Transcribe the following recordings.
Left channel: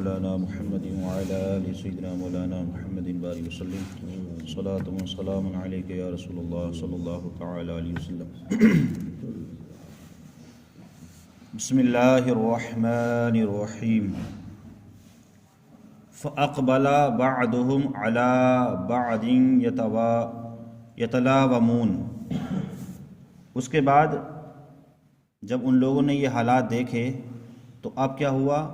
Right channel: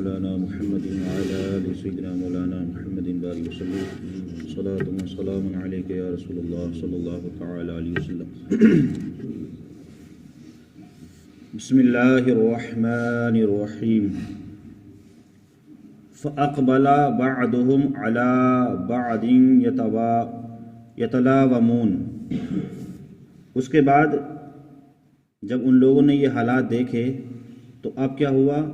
مولانا محمد وعلى آل سيدنا مولانا محمد بارك وسلم صلاة وسلام عليك يا رسول الله صلى الله تعالى عليه وسلم. بسم الله الرحمن الرحيم. فأقبل بعضهم على بعض يتلاومون. اس کے بعد جب ان لوگوں نے یہ حالات دیکھے تو اب کیا ہوا؟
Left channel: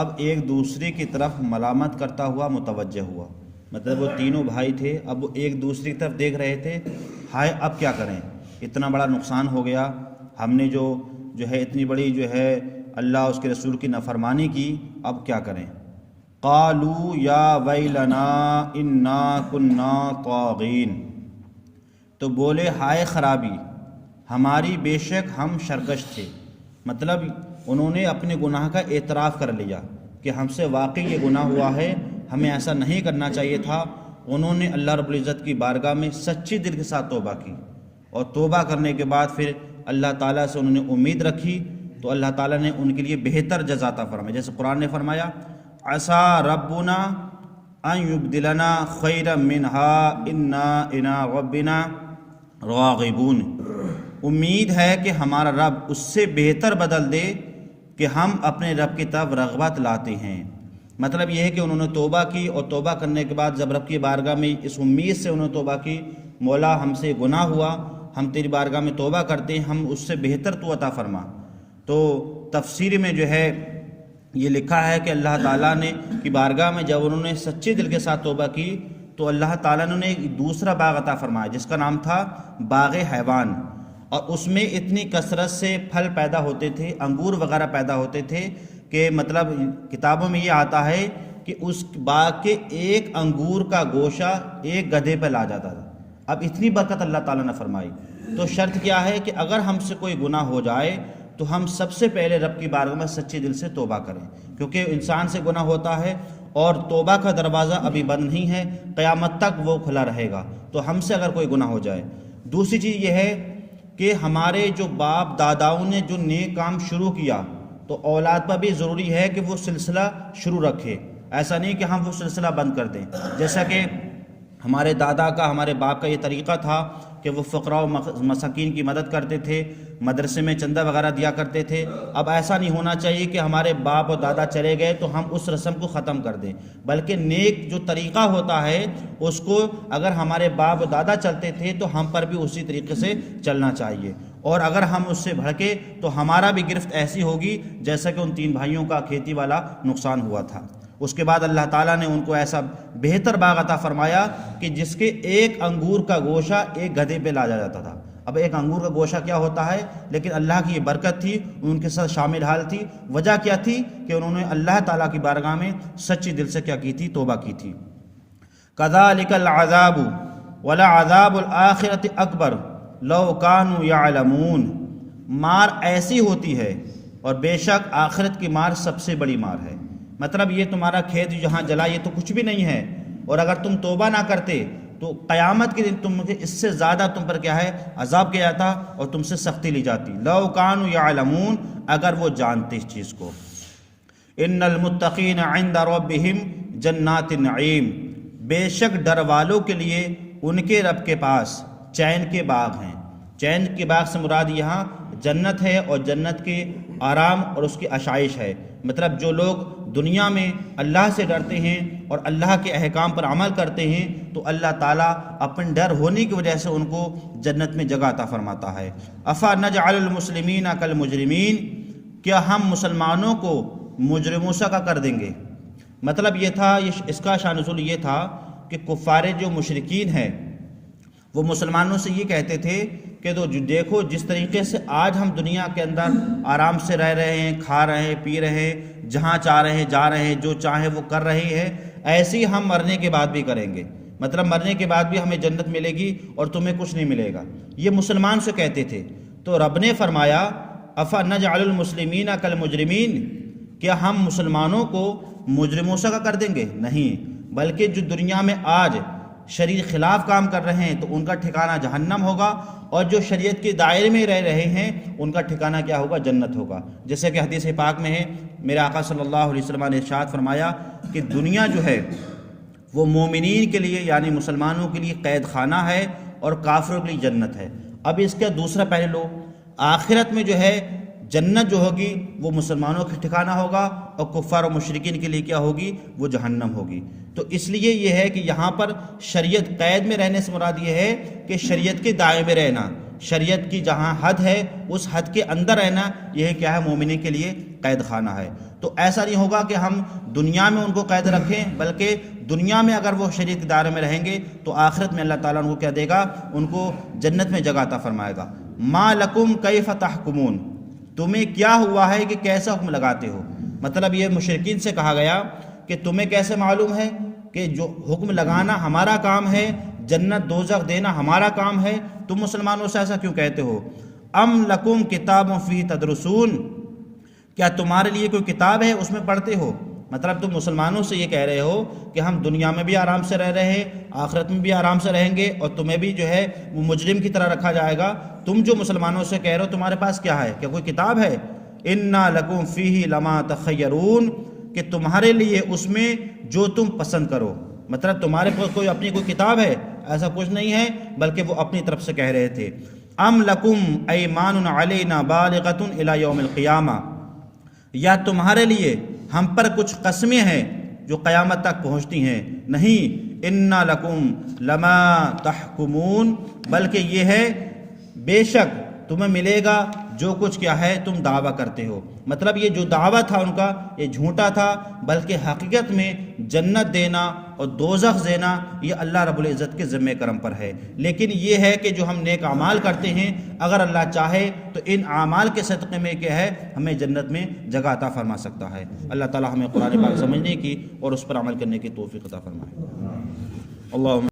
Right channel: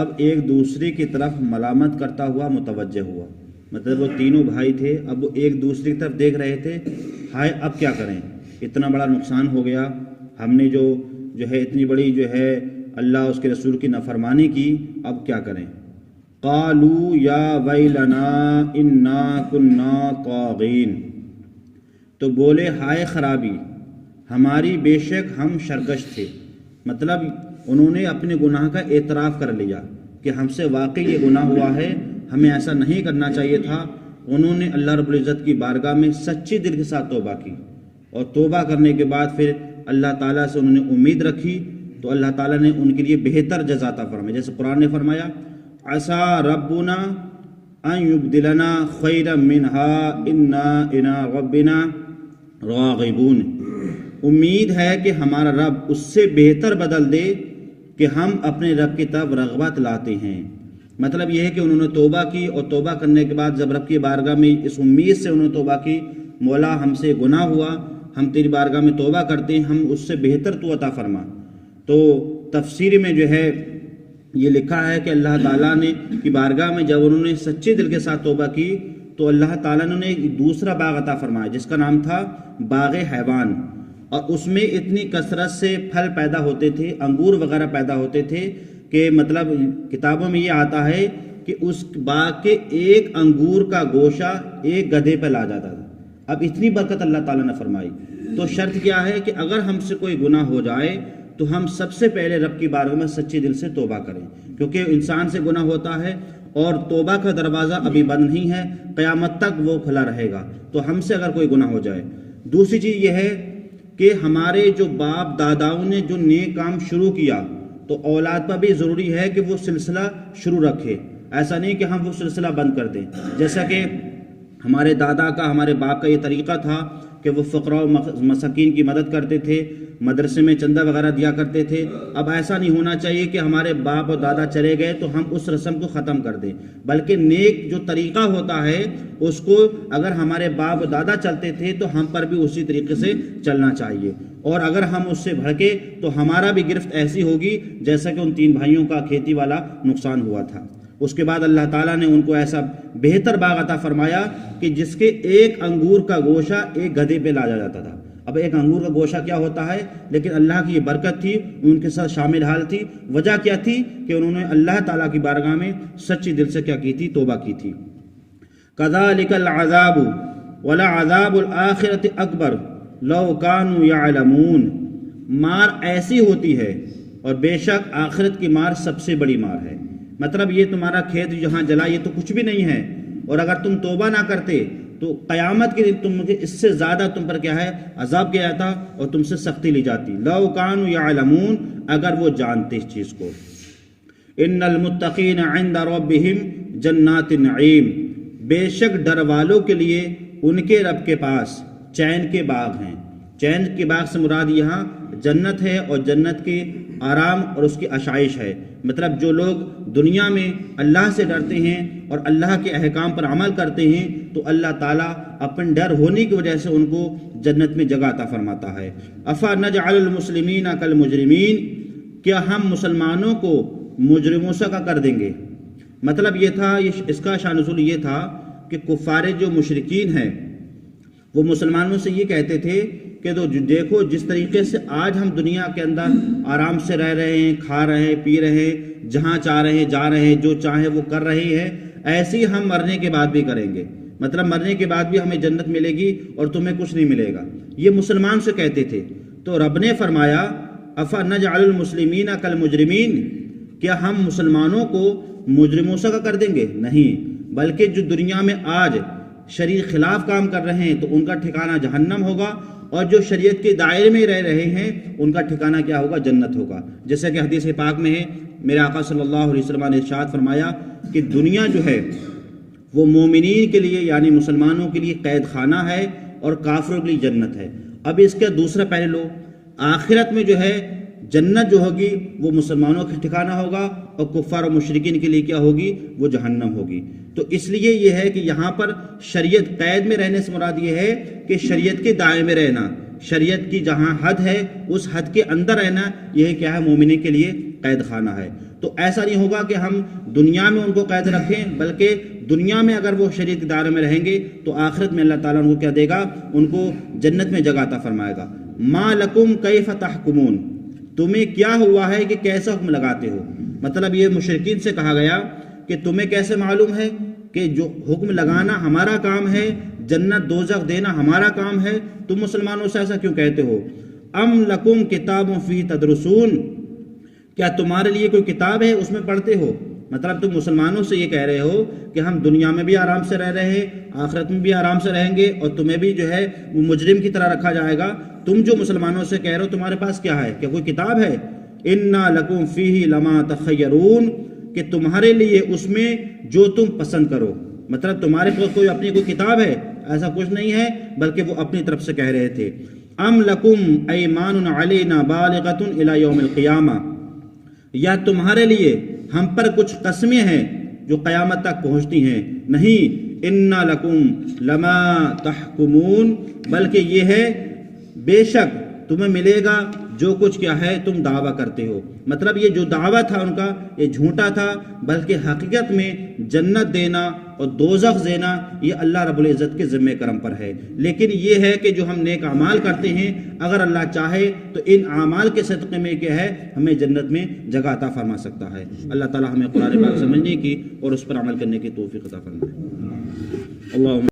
اب ایک دوسرے کی طرف ملامت کرتا ہوا متوجہ ہوا. مطلب وہ تینوں بھائی تھے، اب وہ ایک دوسرے کی طرف دیکھ رہے تھے، ہائے اب کیا کریں، اتنا بڑا نقصان ہو گیا، ہم نے جو ہے اتنی بڑی اللہ اس کے رسول کی نافرمانی کی، اب کیا کریں. قالوا یا ویلنا انا کنا طاغین. تو بولے ہائے خرابی ہماری، بے شک ہم سرکش تھے. مطلب انہوں نے اپنے گناہ کا اعتراف کر لیا کہ ہم سے واقعی یہ گناہ ہوا ہے، ہمیں ایسا نہیں کرنا چاہیے تھا. انہوں نے اللہ رب العزت کی بارگاہ میں سچے دل کے ساتھ توبہ کی، اور توبہ کرنے کے بعد پھر اللہ تعالیٰ سے انہوں نے امید رکھی، تو اللہ تعالیٰ نے ان کے لیے بہتر جزا عطا فرمائی. جیسے قرآن نے فرمایا عسیٰ ربنا ان یبدلنا خیرا منہا انا الی ربنا راغبون. امید ہے کہ ہمارا رب اس سے بہتر بدل دے کہ ہم اپنے رب کی طرف رغبت لاتے ہیں. مطلب یہ ہے کہ انہوں نے توبہ کی، اور توبہ کرنے کے بعد جب رب کی بارگاہ میں اس امید سے انہوں نے توبہ کی، مولا ہم سے گناہ ہوا، ہم تیری بارگاہ میں توبہ کرتے ہیں، ہم اس سے بہتر تو عطا فرما. تو تفسیر میں یہ لکھا ہے کہ اللہ تعالیٰ نے کی بارگاہ میں جب انہوں نے سچے دل کے ساتھ توبہ کی تو اللہ تعالیٰ نے ایک دوسرا باغ عطا فرمایا جس کا نام تھا باغ حیوان، اور اس میں اتنی کثرت سے پھل پیدا ہوتے تھے، انگور وغیرہ پیدا ہوتے تھے کہ مطلب کتابوں میں یہ آتا ہے کہ اس باغ کے ایک انگور کا گوشہ ایک گدھے پہ لا جاتا تھا. اب اتنی برکت اللہ تعالیٰ نے فرمائی. تو شرط کیا ہے کہ اگر ہم سے کوئی گناہ ہو جائے تو ہم سب سے پہلے رب کی بارگاہ میں سچے دل سے توبہ کریں، کیونکہ انسان سے گناہ ہوتا ہے اور توبہ کا دروازہ ابھی بند نہیں ہے، قیامت تک وہ کھلا رہے گا. تو ہم سے اگر کوئی گناہ ہو جائے. دوسری چیز یہ ہے کہ ہمارے جو باپ داداؤں نے جو نیک کام شروع کیا تو اولاد پر بھی ضروری ہے کہ وہ سلسلہ شروع رکھے. ایسا نہیں کہ ہم وہ سلسلہ بند کر دیں. جیسا کہ ہمارے دادا کا، ہمارے باپ کا یہ طریقہ تھا کہ وہ فقراء و مساکین کی مدد کرتے تھے، مدرسے میں چندہ وغیرہ دیا کرتے تھے. اب ایسا نہیں ہونا چاہیے کہ ہمارے باپ اور دادا چلے گئے تو ہم اس رسم کو ختم کر دیں، بلکہ نیک جو طریقہ ہوتا ہے اس کو اگر ہمارے باپ اور دادا چلتے تھے تو ہم پر بھی اسی طریقے سے چلنا چاہیے. اور اگر ہم اس سے بھڑکے تو ہمارا بھی گرفت ایسی ہوگی جیسا کہ ان تین بھائیوں کا کھیتی والا نقصان ہوا تھا. اس کے بعد اللہ تعالیٰ نے ان کو ایسا بہتر باغ عطا فرمایا کہ جس کے ایک انگور کا گوشہ ایک گدھے پہ لایا جاتا تھا. اب ایک انگور کا گوشہ کیا ہوتا ہے، لیکن اللہ کی یہ برکت تھی، ان کے ساتھ شامل حال تھی. وجہ کیا تھی کہ انہوں نے اللہ تعالیٰ کی بارگاہ میں سچی دل سے کیا کی تھی، توبہ کی تھی. کذالک العذاب ولعذاب الآخرۃ اکبر لو کانوا یعلمون. مار ایسی ہوتی ہے اور بے شک آخرت کی مار سب سے بڑی مار ہے. مطلب یہ تمہارا کھیت جہاں جلا یہ تو کچھ بھی نہیں ہے، اور اگر تم توبہ نہ کرتے تو قیامت کے دن تم اس سے زیادہ تم پر کیا ہے عذاب کیا جاتا اور تم سے سختی لی جاتی. لو کانوا یعلمون، اگر وہ جانتے اس چیز کو. ان المتقین عند ربهم جنات النعیم. بے شک ڈر والوں کے لیے ان کے رب کے پاس چین کے باغ ہیں. چین کے باغ سے مراد یہاں جنت ہے، اور جنت کے آرام اور اس کی آشائش ہے. مطلب جو لوگ دنیا میں اللہ سے ڈرتے ہیں اور اللہ کے احکام پر عمل کرتے ہیں تو اللہ تعالیٰ اپنے ڈر ہونے کی وجہ سے ان کو جنت میں جگہ عطا فرماتا ہے. افا نجعل المسلمین کالمجرمین. کیا ہم مسلمانوں کو مجرموں سا کر دیں گے. مطلب یہ تھا، اس کا شان نزول یہ تھا کہ کفار جو مشرکین ہیں وہ مسلمانوں سے یہ کہتے تھے کہ دیکھو جس طریقے سے آج ہم دنیا کے اندر آرام سے رہ رہے ہیں، کھا رہے ہیں، پی رہے ہیں، جہاں چاہ رہے ہیں جا رہے ہیں، جو چاہیں وہ کر رہے ہیں، ایسے ہی ہم مرنے کے بعد بھی کریں گے. مطلب مرنے کے بعد بھی ہمیں جنت ملے گی اور تمہیں کچھ نہیں ملے گا. یہ مسلمان سے کہتے تھے. تو رب نے فرمایا افا نجعل المسلمین کالمجرمین. کیا ہم مسلمانوں کو مجرموں سا کر دیں گے؟ نہیں، بلکہ جو دنیا میں آج شریعت خلاف کام کر رہے ہیں تو ان کا ٹھکانہ جہنم ہوگا، اور جو شریعت کے دائرے میں رہ رہے ہیں ان کا ٹھکانہ کیا ہوگا؟ جنت ہوگا. جیسے کہ حدیث پاک میں ہے میرے آقا صلی اللہ علیہ وسلم نے ارشاد فرمایا کہ دنیا جو ہے وہ مومنین کے لیے یعنی مسلمانوں کے لیے قید خانہ ہے اور کافروں کے لیے جنت ہے۔ اب اس کا دوسرا پہلو، آخرت میں جو ہے جنت جو ہوگی وہ مسلمانوں کا ٹھکانہ ہوگا اور کفار و مشرکین کے لیے کیا ہوگی؟ وہ جہنم ہوگی۔ تو اس لیے یہ ہے کہ یہاں پر شریعت قید میں رہنے سے مراد یہ ہے کہ شریعت کے دائرے میں رہنا، شریعت کی جہاں حد ہے اس حد کے اندر رہنا، یہ کیا ہے؟ مومنین کے لیے قید خانہ ہے۔ تو ایسا نہیں ہوگا کہ ہم دنیا میں ان کو قید رکھیں، بلکہ دنیا میں اگر وہ شریعت کے دائرے میں رہیں گے تو آخرت میں اللہ تعالیٰ ان کو کیا دے گا؟ ان کو جنت میں جگہ عطا فرمائے گا۔ ما لکم کیف تحکمون، تمہیں کیا ہوا ہے کہ کیسا حکم لگاتے ہو؟ مطلب یہ مشرکین سے کہا گیا کہ تمہیں کیسے معلوم ہے کہ جو حکم لگانا ہمارا کام ہے، جنت دوزخ دینا ہمارا کام ہے، تم مسلمانوں سے ایسا کیوں کہتے ہو؟ ام لکم کتاب فیہ تدرسون، کیا تمہارے لیے کوئی کتاب ہے اس میں پڑھتے ہو؟ مطلب تم مسلمانوں سے یہ کہہ رہے ہو کہ ہم دنیا میں بھی آرام سے رہ رہے ہیں، آخرت میں بھی آرام سے رہیں گے، اور تمہیں بھی جو ہے وہ مجرم کی طرح رکھا جائے گا۔ تم جو مسلمانوں سے کہہ رہے ہو تمہارے پاس کیا ہے؟ کیا کوئی کتاب ہے؟ انا لکم فیہ لما تخیرون، کہ تمہارے لیے اس میں جو تم پسند کرو۔ مطلب تمہارے پاس کوئی اپنی کوئی کتاب ہے؟ ایسا کچھ نہیں ہے، بلکہ وہ اپنی طرف سے کہہ رہے تھے۔ ام لکم ایمان علینا بالغۃ الی یوم القیامہ، یا تمہارے لیے ہم پر کچھ قسمیں ہیں جو قیامت تک پہنچتی ہیں؟ نہیں، انا لکم لما تحکمون، بلکہ یہ ہے بے شک تمہیں ملے گا جو کچھ کیا ہے تم دعویٰ کرتے ہو۔ مطلب یہ جو دعویٰ تھا ان کا یہ جھوٹا تھا، بلکہ حقیقت میں جنت دینا اور دوزخ دینا یہ اللہ رب العزت کے ذمہ کرم پر ہے۔ لیکن یہ ہے کہ جو ہم نیک اعمال کرتے ہیں اگر اللہ چاہے تو ان اعمال کے صدقے میں کیا ہے ہمیں جنت میں جگہ عطا فرما سکتا ہے۔ اللہ تعالی ہمیں قرآن پاک سمجھنے کی اور اس پر عمل کرنے کی توفیق عطا فرمائے۔ اللہ